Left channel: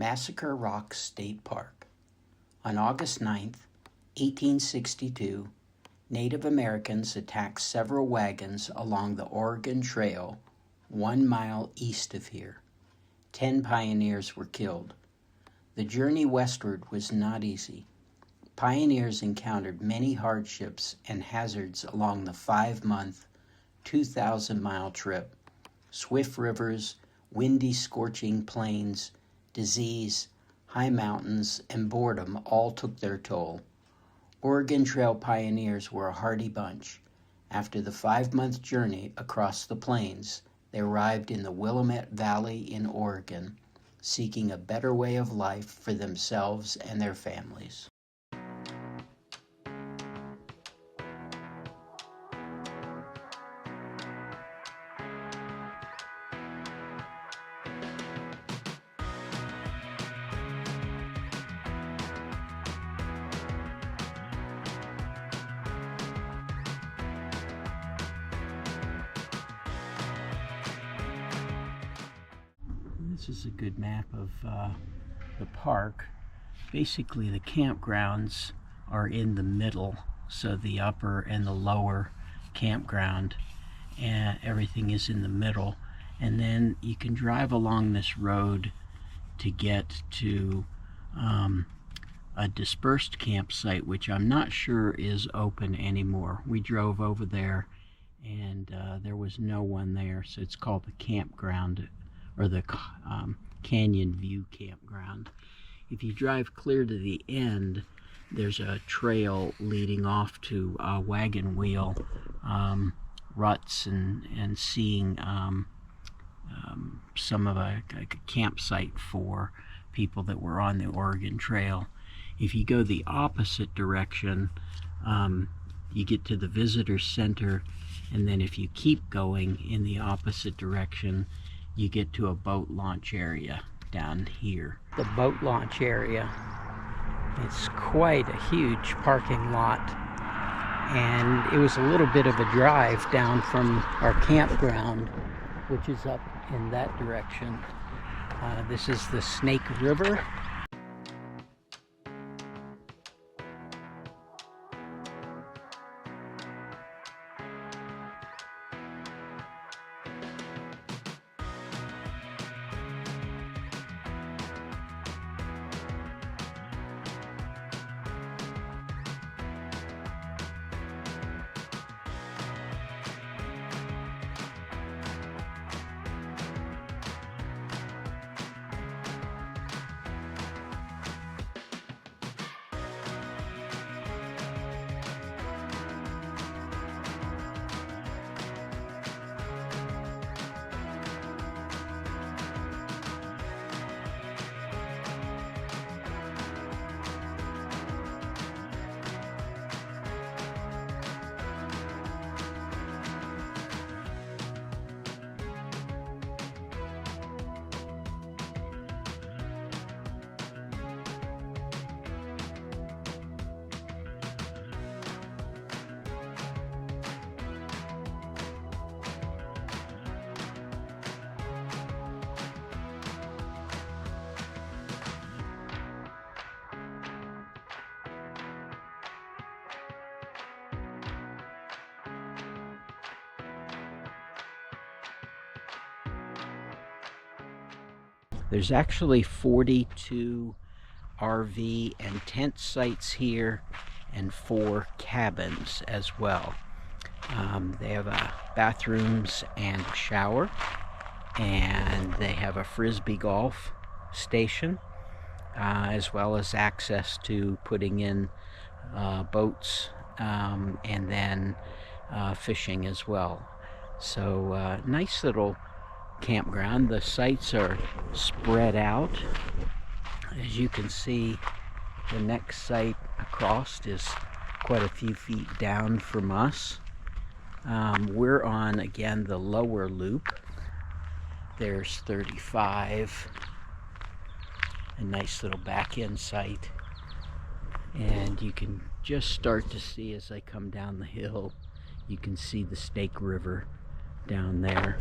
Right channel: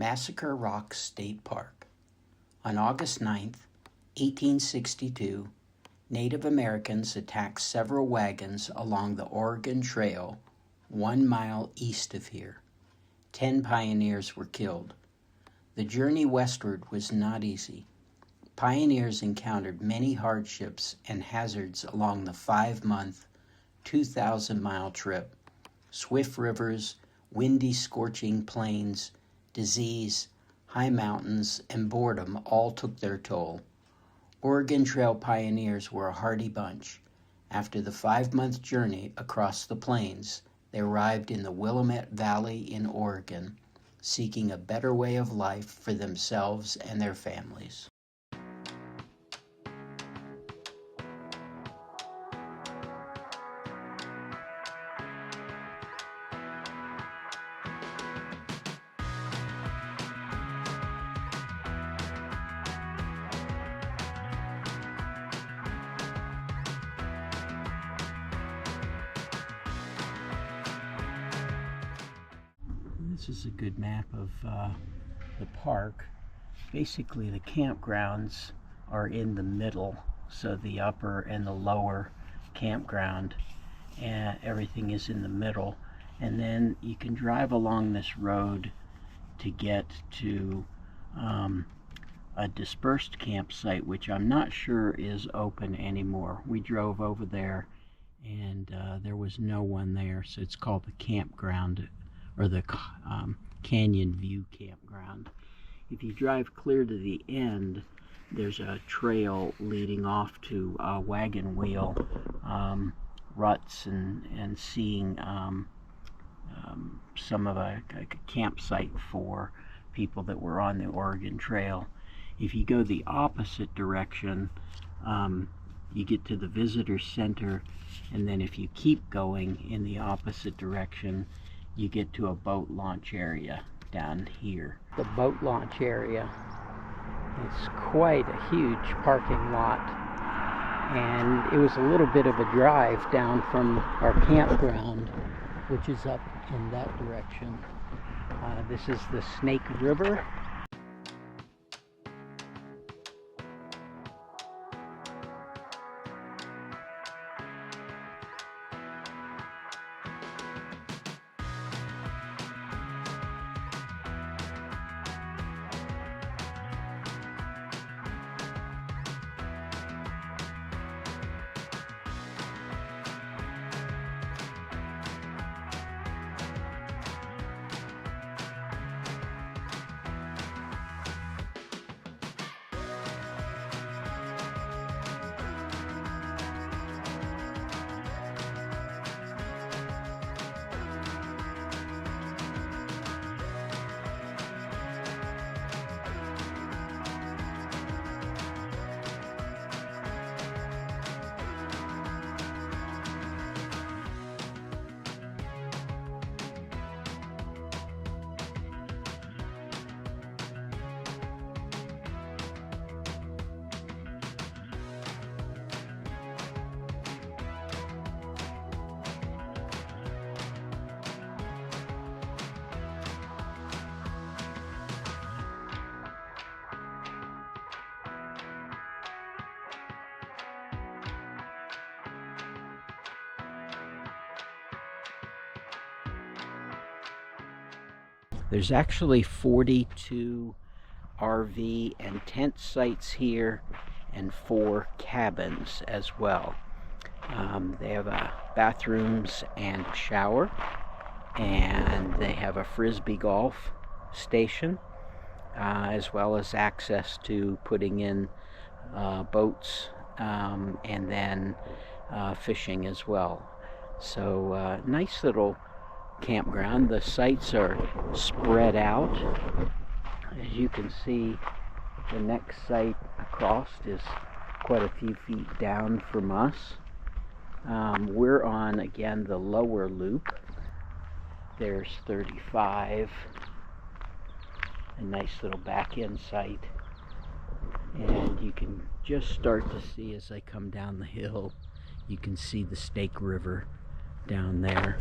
Massacre Rocks State Park. On August 9, 1862, Native Americans attacked several wagons along the Oregon Trail 1 mile east of here. 10 pioneers were killed. The journey westward was not easy. Pioneers encountered many hardships and hazards along the 5-month, 2,000-mile trip. Swift rivers, windy, scorching plains, disease, high mountains, and boredom all took their toll. Oregon Trail pioneers were a hardy bunch. After the 5-month journey across the plains, they arrived in the Willamette Valley in Oregon, seeking a better way of life for themselves and their families. This is a good map of the park. Basically, the campgrounds are in the middle, so the upper and the lower campground, and everything is in the middle. And then you can drive along this road to get to a dispersed campsite, which I'm not sure is open anymore. We drove over there and there was no one there, so it's called the campground, or the Canyon View Campground. If you drive clear to the end, there's a trail leading off to wagon wheel ruts and seeing some of a campsite for people that were on the Oregon Trail. If you go the opposite direction, you get to the visitor center, and then if you keep going in the opposite direction, you get to a boat launch area down here. The boat launch area, it's quite a huge parking lot, and it was a little bit of a drive down from our campground, which is up in that direction. This is the Snake River. There's actually 42 RV and tent sites here and 4 cabins as well. They have bathrooms and a shower, and they have a frisbee golf station, as well as access to putting in boats and then fishing as well. So nice little campground. The sites are spread out. As you can see, the next site across is quite a few feet down from us. We're on, again, the lower loop. There's 35, a nice little back-end site, and you can just start to see, as I come down the hill, you can see the Snake River down there.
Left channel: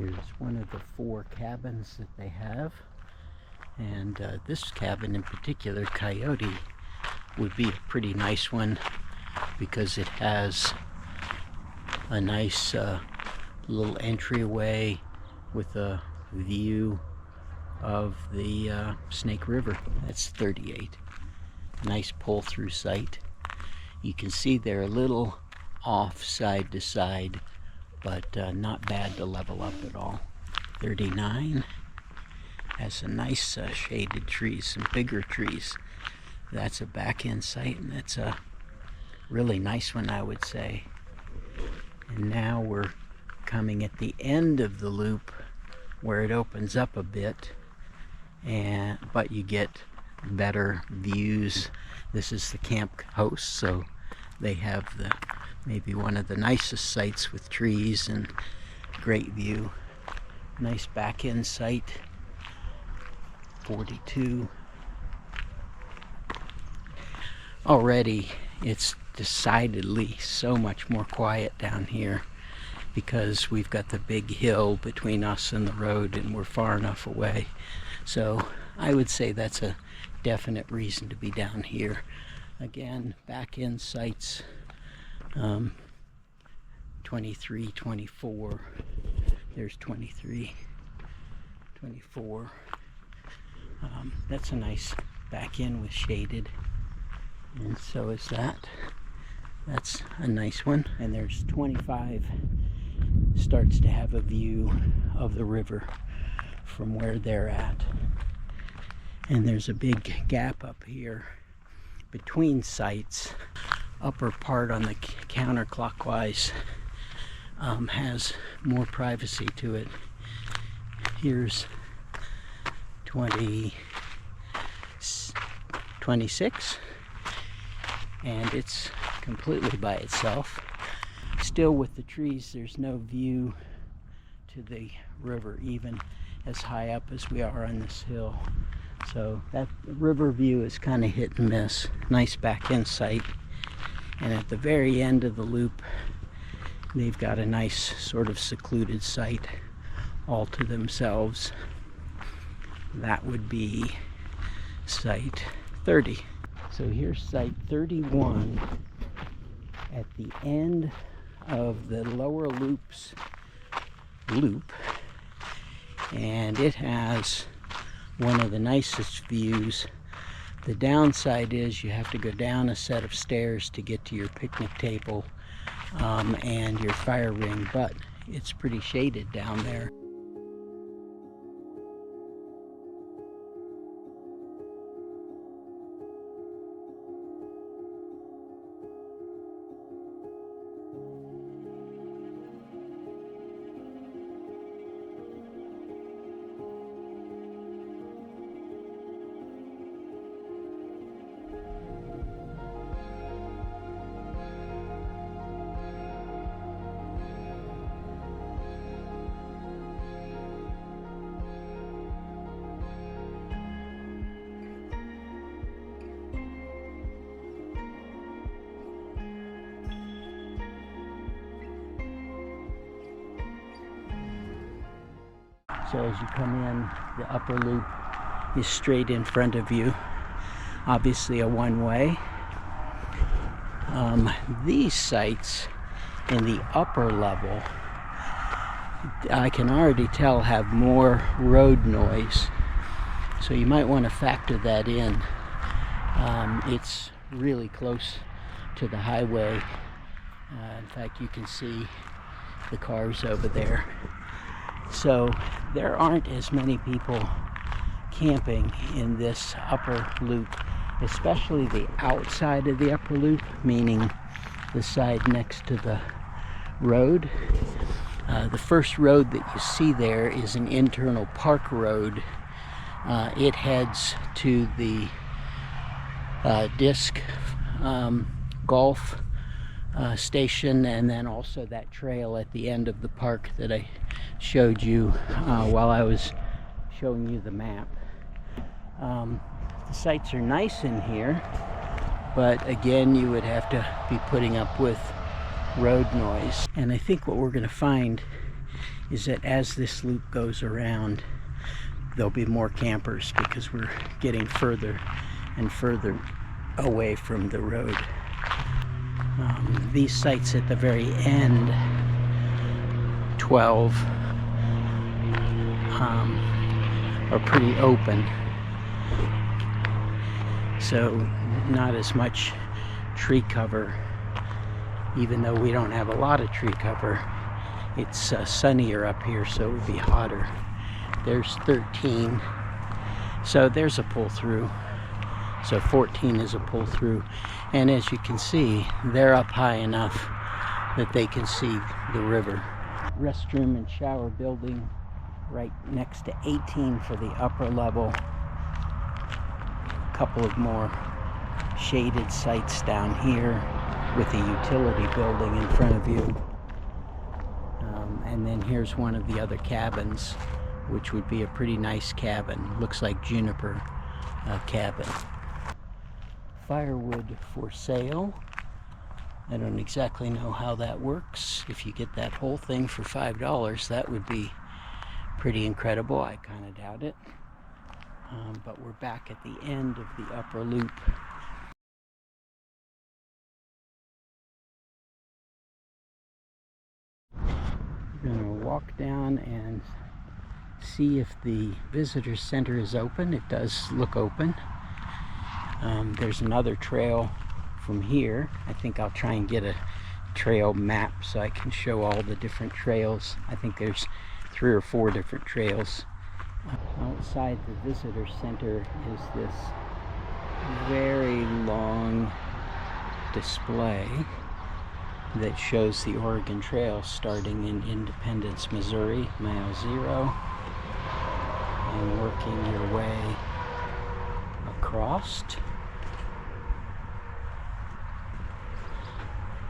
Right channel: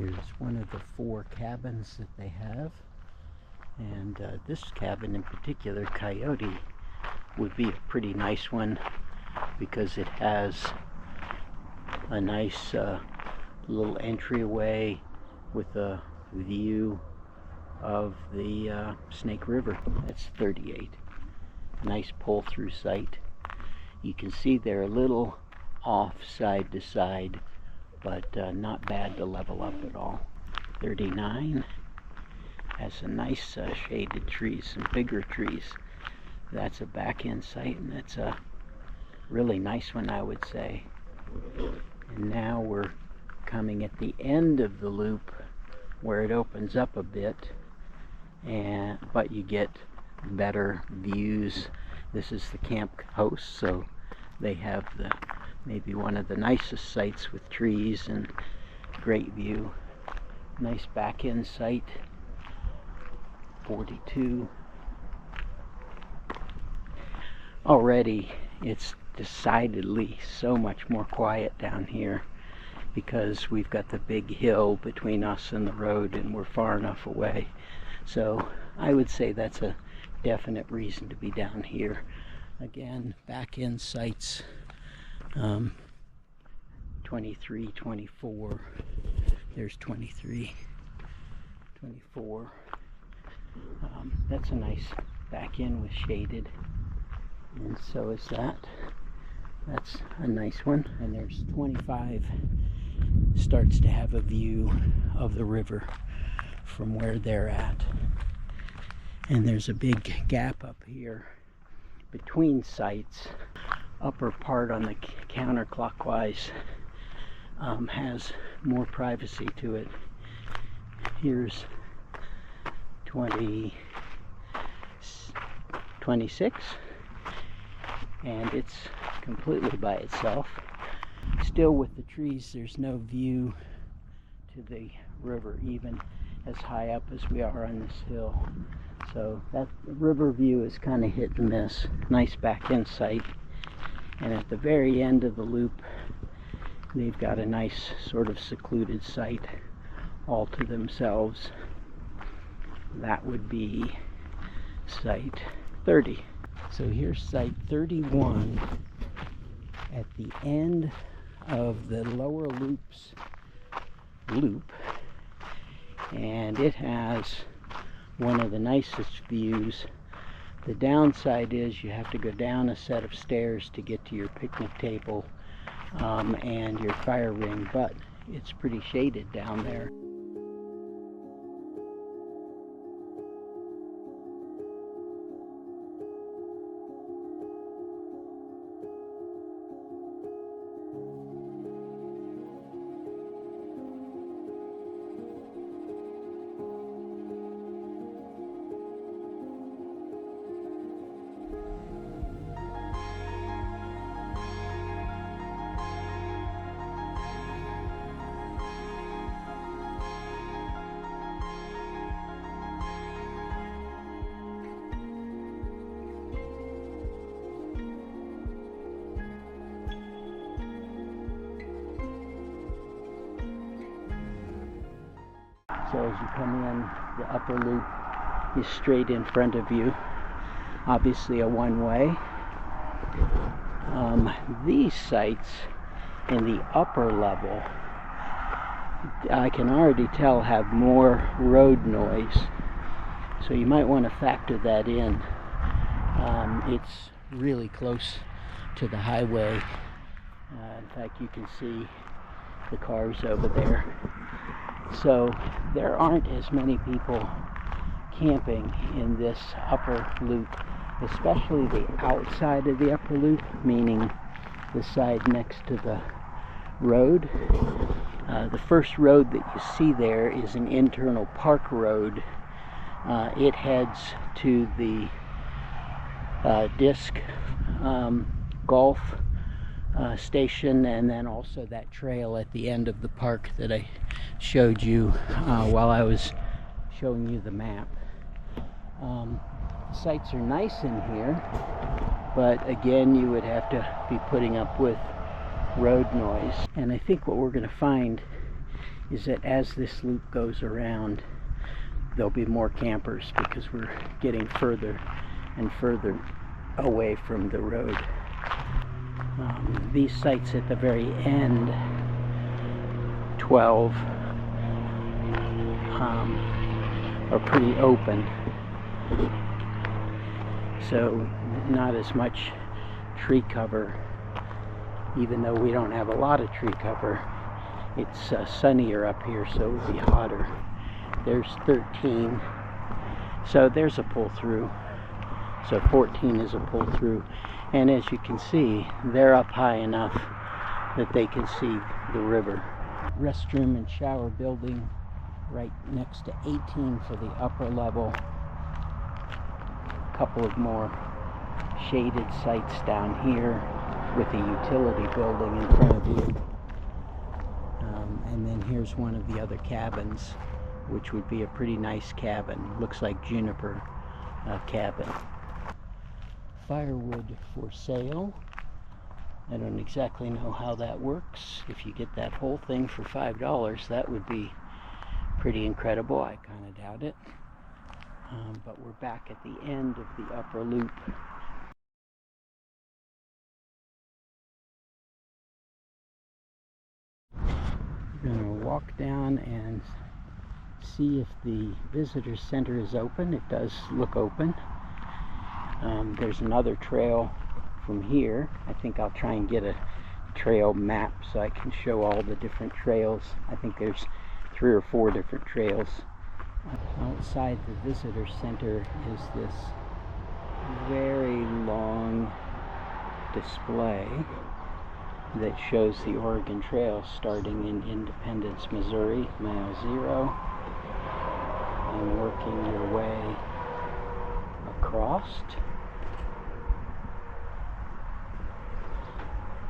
Here's one of the 4 cabins that they have, and this cabin in particular, Coyote, would be a pretty nice one because it has a nice little entryway with a view of the Snake River. That's 38. Nice pull-through site. You can see they're a little off side to side, but not bad to level up at all. 39 has some nice shaded trees, some bigger trees. That's a back-end site, and that's a really nice one, I would say. And now we're coming at the end of the loop where it opens up a bit, but you get better views. This is the camp host, so they have maybe one of the nicest sites with trees and great view. Nice back end site. 42. Already it's decidedly so much more quiet down here because we've got the big hill between us and the road, and we're far enough away. So I would say that's a definite reason to be down here. Again, back end sites. 23, 24. There's 23, 24. That's a nice back end with shaded, and so is that. That's a nice one. And there's 25. Starts to have a view of the river from where they're at. And there's a big gap up here between sites. Upper part on the counterclockwise has more privacy to it. Here's 26, and it's completely by itself. Still with the trees, there's no view to the river, even as high up as we are on this hill. So that river view is kind of hit and miss. Nice back end site. And at the very end of the loop, they've got a nice sort of secluded site all to themselves. That would be site 30. So here's site 31 at the end of the lower loops loop, and it has one of the nicest views. The downside is you have to go down a set of stairs to get to your picnic table and your fire ring, but it's pretty shaded down there. So as you come in, the upper loop is straight in front of you. Obviously a one-way. These sites in the upper level, I can already tell, have more road noise. So you might want to factor that in. It's really close to the highway. In fact, you can see the cars over there. So there aren't as many people camping in this upper loop, especially the outside of the upper loop, meaning the side next to the road. The first road that you see there is an internal park road. It heads to the disc golf station, and then also that trail at the end of the park that I showed you while I was showing you the map. The sites are nice in here, but again, you would have to be putting up with road noise. And I think what we're going to find is that as this loop goes around, there'll be more campers because we're getting further and further away from the road. These sites at the very end, 12, are pretty open, so not as much tree cover. Even though we don't have a lot of tree cover, it's sunnier up here, so it would be hotter. There's 13, so there's a pull through. So 14 is a pull through, and as you can see, they're up high enough that they can see the river. Restroom and shower building right next to 18 for the upper level. A couple of more shaded sites down here with a utility building in front of you. And then here's one of the other cabins, which would be a pretty nice cabin. Looks like juniper cabin. Firewood for sale. I don't exactly know how that works. If you get that whole thing for $5, that would be pretty incredible. I kind of doubt it. But we're back at the end of the upper loop. We're going to walk down and see if the visitor center is open. It does look open. There's another trail from here. I think I'll try and get a trail map so I can show all the different trails. I think there's 3 or 4 different trails. Outside the visitor center is this very long display that shows the Oregon Trail starting in Independence, Missouri, mile 0, and working your way across.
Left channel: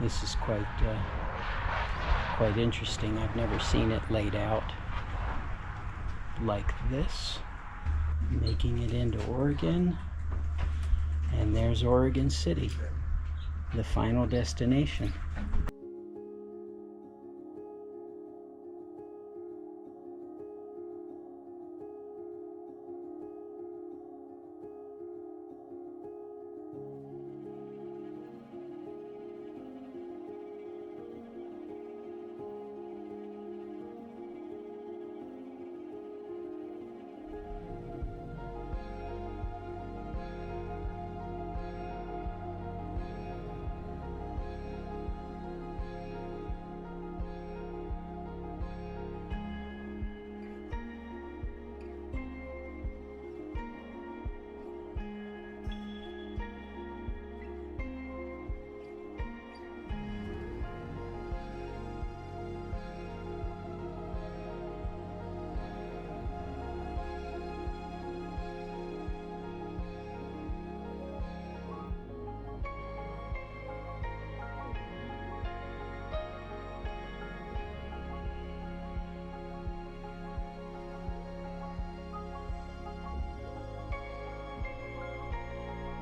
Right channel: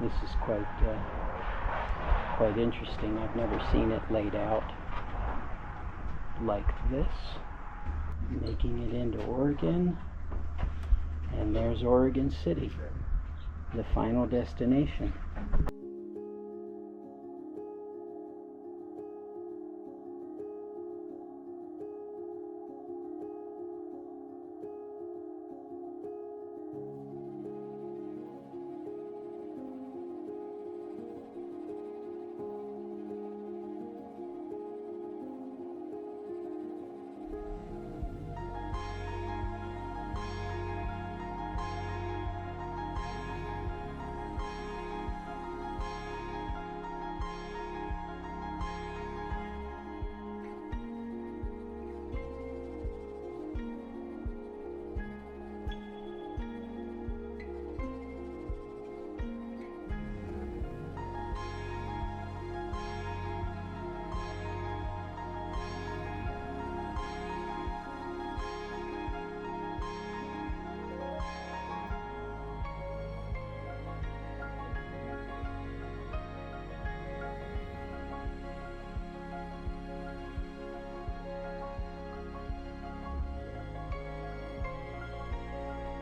This is quite interesting. I've never seen it laid out like this. Making it into Oregon, and there's Oregon City, the final destination.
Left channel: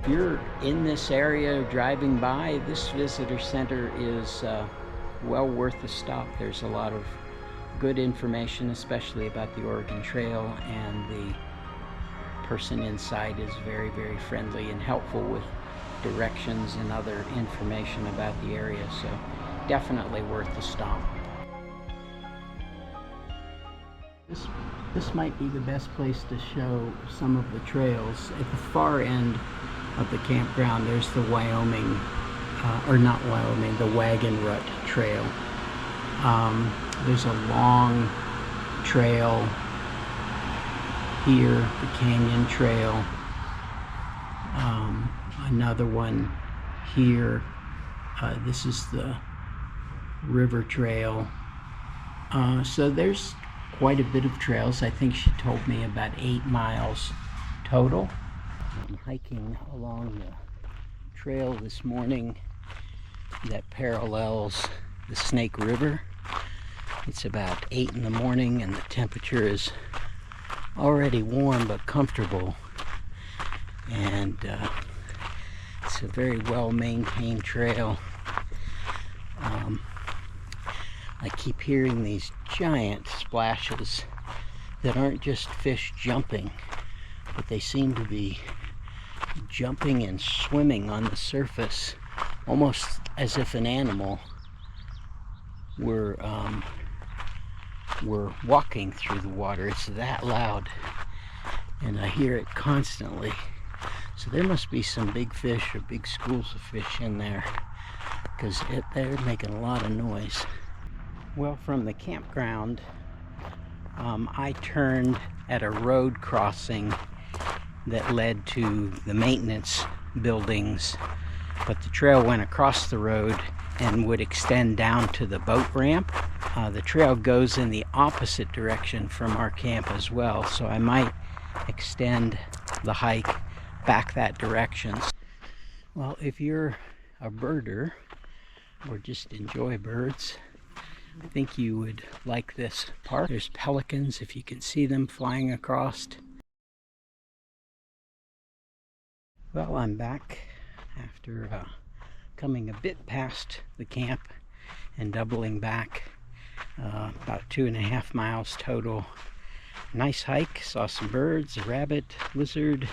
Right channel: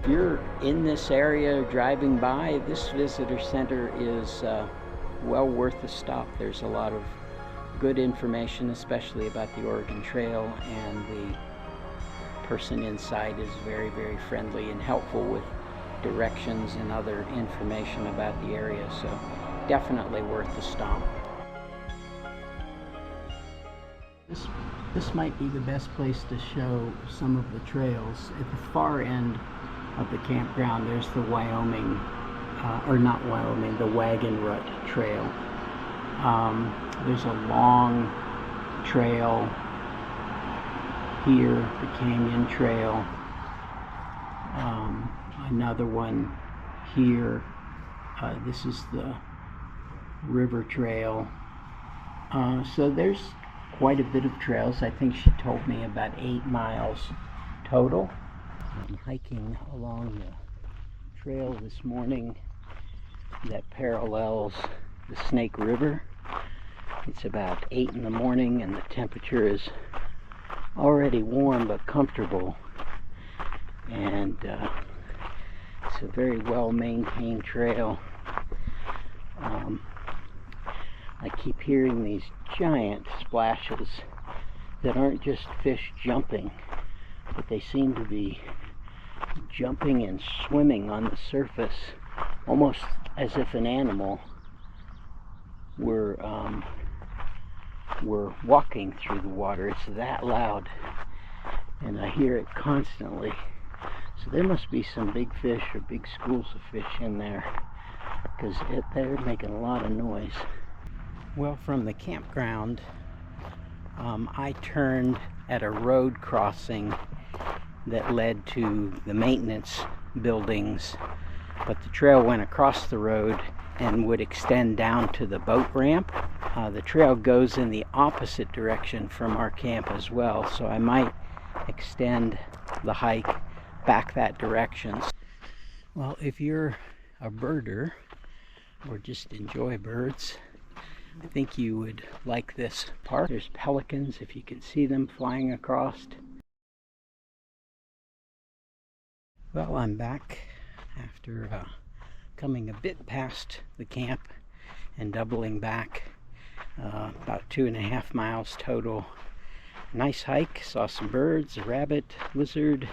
If you're in this area driving by, this visitor center is well worth a stop. There's a lot of good information, especially about the Oregon Trail, and the person inside is very, very friendly and helpful with directions and other information about the area, so definitely worth the stop. This might be the best place to show some of the trails. At the far end of the campground, there's the Wyoming, or not Wyoming, the Wagon Rut Trail. There's a long trail here, the Canyon Trail. Another one here. This is the River Trail. So there's quite a bit of trails. I think she told me about 8 miles total. I'm hiking along the trail this morning that parallels the Snake River. It's about 8 in the morning and the temperature is already warm but comfortable, and it's a very well maintained trail. I keep hearing these giant splashes that aren't just fish jumping, but they seem to be jumping and swimming on the surface, almost as if an animal were walking through the water. It's that loud, and I hear it constantly. So there must be some big fish or big schools of fish in there, because they're making a lot of noise. Well, from the campground, I turned at a road crossing that led to the maintenance buildings, but the trail went across the road and would extend down to the boat ramp. The trail goes in the opposite direction from our camp as well, so I might extend the hike back that direction. Well, if you're a birder or just enjoy birds, I think you would like this park. There's pelicans, if you can see them flying across. Well, I'm back after coming a bit past the camp and doubling back, about 2.5 miles total. Nice hike, saw some birds, a rabbit, lizard.